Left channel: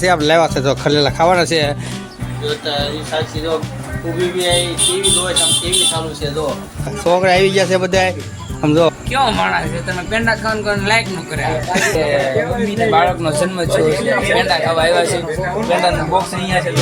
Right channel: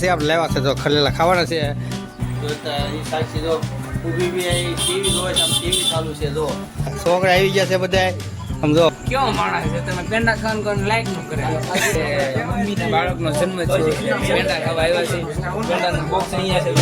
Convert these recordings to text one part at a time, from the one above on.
છે આપણે લાવ્યા છે તો ખલેલા ખાવાના છે. જો જો જો છોકરા આવી ગયા છે બધા સમજો કેવો માણસ છે? તમે પેંડા ખાવાનું કરીને લાઈકનું કરે. બાળકનો જન્મ છે પેંડા ખાવા આવ્યા છે. પેંડાનું બોક્સ અહીંયા છે.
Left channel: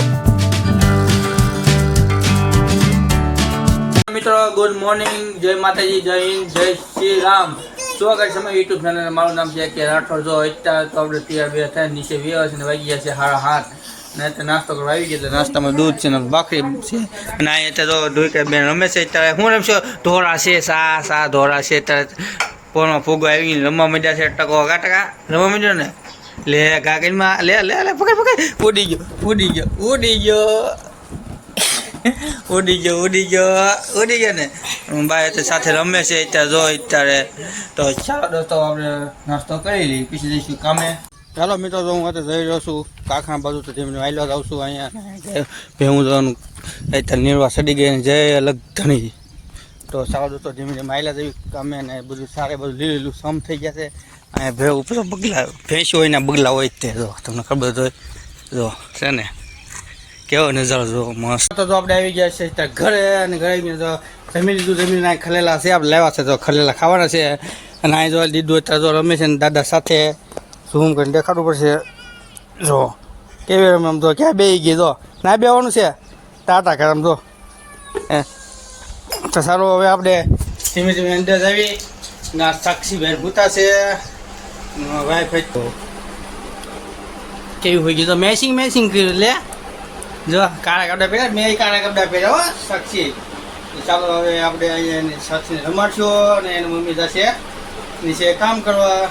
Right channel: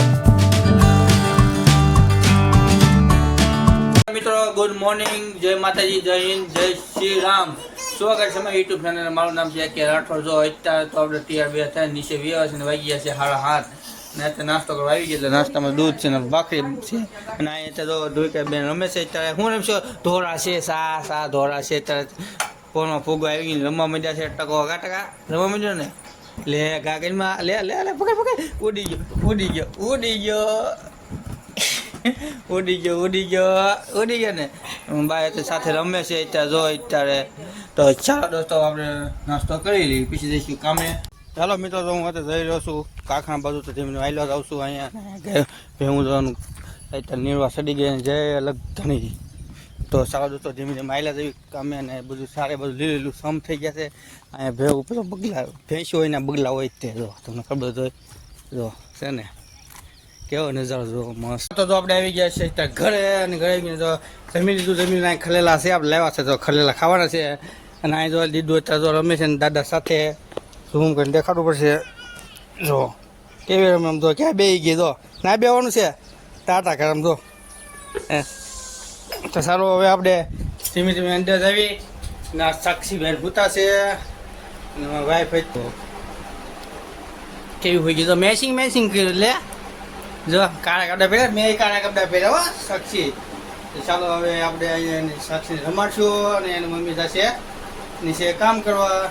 મિત્રો ગુડ મોર્નિંગ જય માતાજી જય હિન્દ જય શ્રી રામ. સ્વાગત છે મારા યુટ્યુબ ચેનલ મારું નામ છે કે રાઠોડ. જો અત્યારે તો આપણે ત્યાં બે થાય, નીચે વ્યવસ ને વાગી ગયા છે હાડા હાથ ને અત્યારે નાસ્તો કરવા આવી ગયો નાસ્તામાં દૂધ છે ને બાકરી છે. અને અહીંયા તો દૂધ કે બેન રમે છે અત્યારે. હું રમશો? ધોરા છે, સા સા ધોરા છે. અત્યારે પોરમાં ફૂગો આવી ગઈ રમવા માંડ્યા છે, ટકો ગા ટકા રમવા માંડ્યો ને? લે કાકીમાં લે લે લે, પકડ પકડ. ઉડી ગયો ઉડી ગયો ઉડી ગયો. ઉડી ગયો ઉડી ગયો ઉડી ગયો ને. બાય તો સાથે રમે છે, અત્યારે જો અત્યારે. તો ચાલો દોસ્તો, આપણે નાસ્તો કરી લઈએ, પછી જઈશું કામે. ચાલો મિત્રો, તો હું અત્યારે જઈ રહ્યો છું કાંકરા બાજુ, તો ધીમે વાયલો જાઉં છું અહીંયા. ભેહું જવાનું અત્યારે નિર્વા સડી ગઈ જય અલગ ધણી. તો સારા દોસ્તો ધીમે ધીમે આવેલા જેવી કામે ને બધું સારે બધું લીલું સમ થઈ ગયા છે અહીંયા ભે પેલો બગલા, ભેંસ હોય ને બગલા હોય તે, જો, તમને ખબર હોય. જો, છે ને. કેવો નજારો જો મસ્ત. તો જો આપણે આવી ગયા છે ત્યાં ઘરે અને ઘરે જો જમી લીધું, જમીન નાય ખલેલા છે. આપણે લેવા છે તો ખલેલા ખાવાના છે. અને અહીં જો દીધું અત્યારે જો રમે છે ને દાદા સાથે. ઝૂમ કરીને દેખાડવું પડશે? જો, કેવી રમે આમ તો ક્યાં બે ગઈ જો? ના બેવાનું છે? તાતા કરે આમ જો. તો સારું, હવે આપણે ધીમે ધીમે અંદર આવી. ના સાક્ષી ભાઈ ભૂતા છે. વાઈફાઈ કેવી હોય ગયું તો મેસિંગ મેસિંગ કર્યું લે. જો, કાળા કપડા પહેર્યા મેં કાળા કપડા પહેર્યા સાક્ષી ચાલો હવે આપણે અહીંયા સાક્ષી રમાડશું અને એની મમ્મી જશે નીચે કામ કરવા.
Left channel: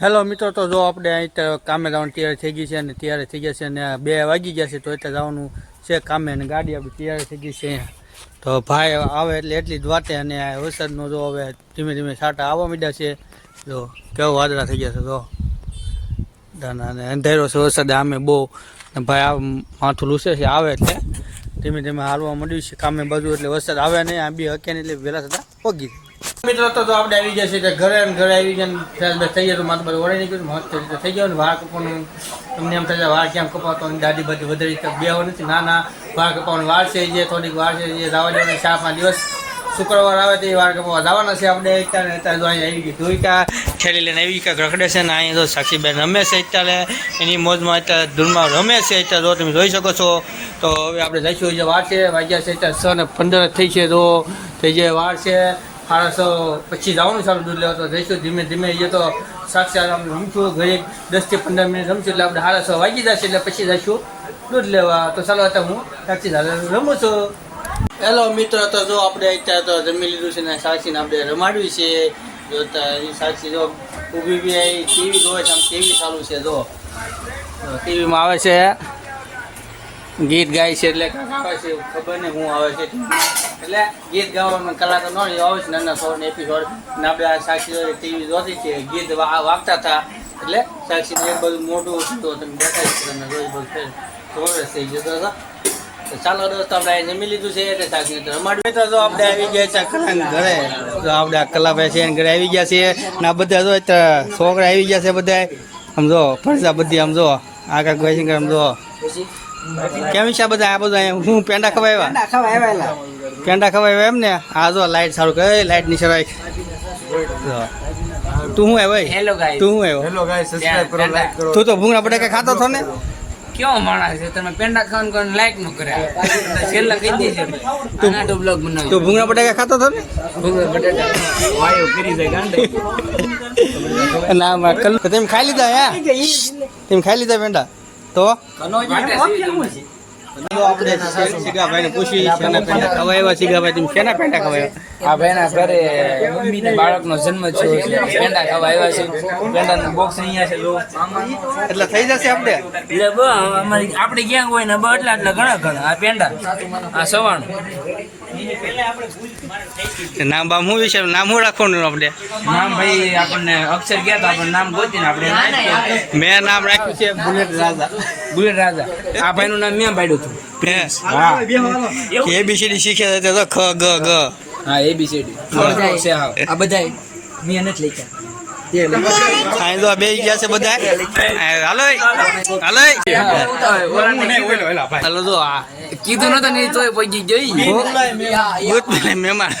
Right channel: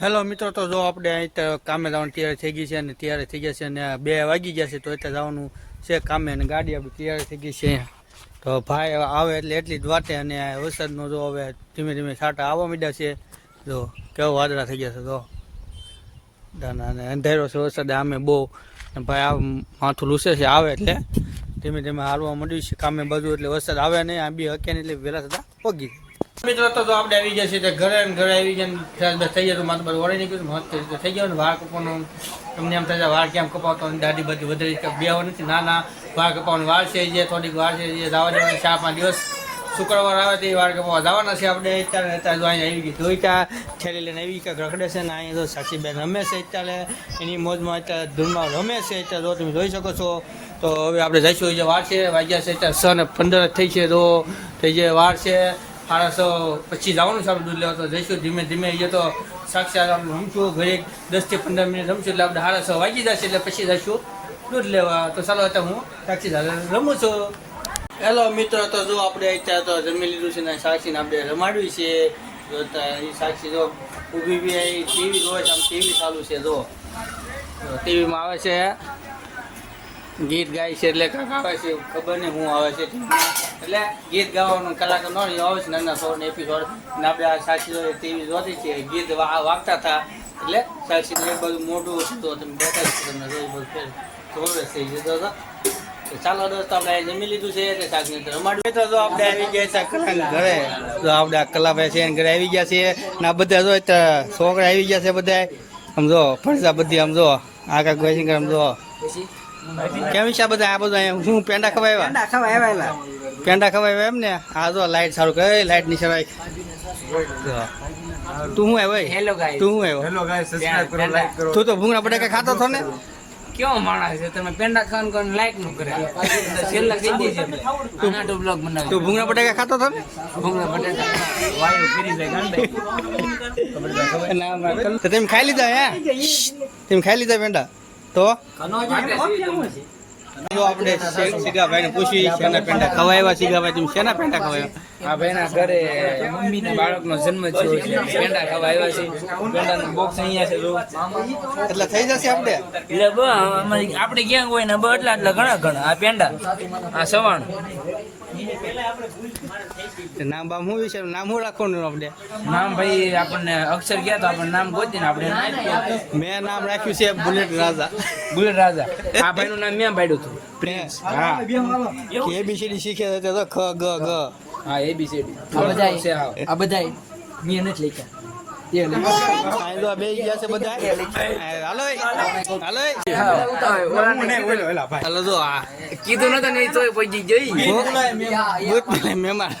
હેલો મિત્રો, તો જો આપણે અહીં તો કામે જવાનું તૈયાર થઈ ગઈ છે અને તૈયાર થઈ ગયા છે અને બે વાગી ગયા છે તો એટલે જવાનું છે કામે અને ગાડી આપણી તૈયાર થઈ ગઈ છે. તો ભાઈ આવે એટલે એટલી જ વાતે અને વરસાદનો જો હવે ધીમે ધીમે છાંટા આવવા માંડ્યા છે. જો, કેવો વાદળા થઈ ગયા છે, જો. અને અંધેરો છે, વરસાદ આમે બહુ ભાઈ આ માથું લૂસે છે, આવે એટલે ધીમે ધીમે હાલવા મળ્યું છે. કામે બાજુ એટલે વરસાદ આવે નહીં, આ બી હકે એટલે વહેલા થતા પગી મિત્રો, તો આપણે આવી ગયા છે ઘરે ઘરે આવી ગયા થઈ ગયા તો માથું બધું વળી નીકળ્યું. મસ્ત રીતે થઈ ગયો ને વાળ કપવાનું તમને એમ થાય વાળ કેમ કપાતો દાદી બધી વધારે બે નથી. ના ના, વાળ કપાવાનું વાળ છે જે, થોડીક વાર છે જે દાવા જવાના ચાર પાંચ દિવસ શુક્રવાર આવે તે વાર કપાવા જવાના છે આપણે અત્યારે. અત્યારે તો અહીંયા આવી ગઈ ધોઈકા. ખેલી લઈને આવી કાંઈક રખડે છે ને અહીંયા તો સાક્ષીબેન રમે છે અત્યારે. એની મોજમાં અત્યારે ધૂળમાં રમે છે અત્યારે. જો તમે જોઈ શકો છો. તો હવે આપણે જઈશું જે વાર છે. વાગ્યા છે અત્યારે સ ને પંદર થઈ છે તો થઈ જે વાર છે સાડાસો પછી જવાનું આપણે દૂધ લેવા તો જઈશું ધીમે ધીમે. એ તો સાક્ષી આપણે રમશું. ઘરે દસથી પંદર મિનિટ રમશું એટલે આપણે સાડા છ વાગી જશે એટલે પછી જઈશું દૂધ લેવા. તો ચાલો, અત્યારે હું સાક્ષી રમું છું. હેલો મિત્રો, તો જો આપણે અત્યારે તો જમી લીધું છે ને સાક્ષીને આપણે રમાડવી છે. જો સાક્ષી જો ઊભી બી આવી ટીવી જોવે છે ટીવી ચાલુ છે, જો. ટીવીમાં આવે છે. ગીત ગાય છે એટલે આવે છે ખબર નહીં હું આવે છે એટલે ગીત ગાવાનો કલાકાર નો આવે છે નાના સોળ એપિસોડ ને આપણે આ સાક્ષી ટીવી જોતી છે ગીત વાગતા હતા. એટલે સાક્ષી બધું મોટું હતું તમે દેખાય છે, તમે રોજ ફેર થઈ જતા હતા. ચાલો દોસ્તો આપણે જમી લીધું છે એટલે સાક્ષી તો તો આપણે આવી ગયા છે કલાના ઘરે. તો આપણે કલાભાઈ છે ઘરે આવી ગયા છીએ ને બધા તો છોકરા આવી ગયા છે બધા આમ ફરસા બધી આમ આ કાંઈક ભાઈ છે આમ કેમ છે બધા? આ બધા હું પેંડા ખવાય પેંડા ખવાય એમ ને આ જો લાઈટ સારું કરે. લાઈટ નીચે સરાય તું હું હે ભાઈ? હેલો ગાઈસ તું હું આવ્યો? હેલો ગાઈસ સબસ્ક્રાઇબ કરો લાઈક કરો તું તો ભૂંગળા બટાકા ખાતો હતો ને? કેવો માણસ છે? તમે પેંડા ખાવાનું કોઈ લાઈકનું કરે. છેલ્લા કહી દેજે તું તો બ્લોગ બનાવ તું ભૂંગળા બટાકા ખાતો હતો ને? ભૂંગળા બટાકા. વાયુ કરી જાય ગાંડે. ના માં કલ તેમ ખાઈ લીધા હે? તેમ ખાઈ લીધા પેંડા? તો? આપણે સીગાભાઈને પૂછી પેંડા પેંડા બાળકનો જન્મ થયો છે પેંડા ખાવા આવ્યા છે પેંડાનું બોક્સ અહીંયા છે એટલે થઈ જશે આપણે એટલે આપણે ક્યાં હોય ને એટલા એટલા ઘણા ઘણા આ પેંડા આ સવાણ. નામ બામ હું વિશે નામ હું રાખવાનું આપણે? નામ ભાઈ આપણને અક્ષર ગયા તો આપણે નામ ગોતીને આપણે મેં નામ રાખ્યું છે બુલેટ રાજા. બુલેટ રાજા. આ ભાઈનું નામ મેં પાડ્યું હતું. પ્રિન્સ હા. એબીસીડી શીખ્યા હતા તો ખ ગ ગ. હા એબીસીડી આ બધા મેં નથી લખ્યા. હાલો હાલો. હાલો તો આ કીધું નતો ને તોય પહોંચી પેલે મહેમાન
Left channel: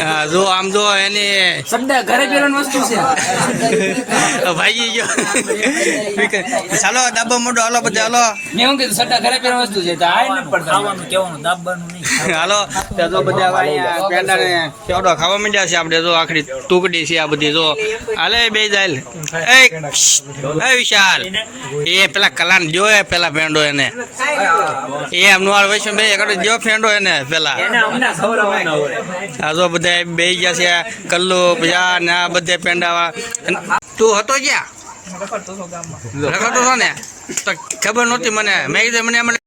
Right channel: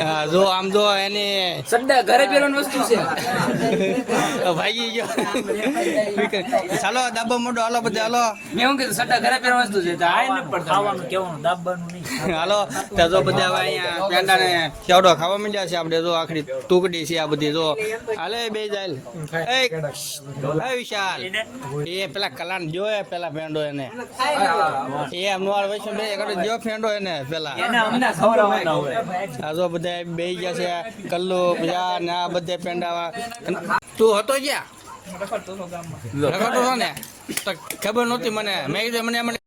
હા જો આમ જો એને સડ્ડા ઘરે પહેરવાની વસ્તુ છે. ભાઈ ગયો. ચાલો ડાબો મોટો હાલો બધા હાલો. મેં શું કીધું સડ્ડા ઘરે પહેરવાની વસ્તુ છે તો આ ન પડતા હાલો તો જો બધા અહીંયા પેંડાને કેવડો ખાવા માંડ્યા છે આપણે જો આખરી ટુકડી છે આ બધી જો. હાલે બે જાય એ એ વિશાલ. એ પેલા કલાન જો એ પેલા પેંડો એને. એમનું આ વૈષ્ણવ બે એકડો જો ફેંડો એને પેલા આ જો બધા બે ગયા છે કલ્લુ બીજા ને આ બધે પેંડા તું હતો ગયા હતો ને? તો ખબર નહોતી મને. મેં કીધું મને મને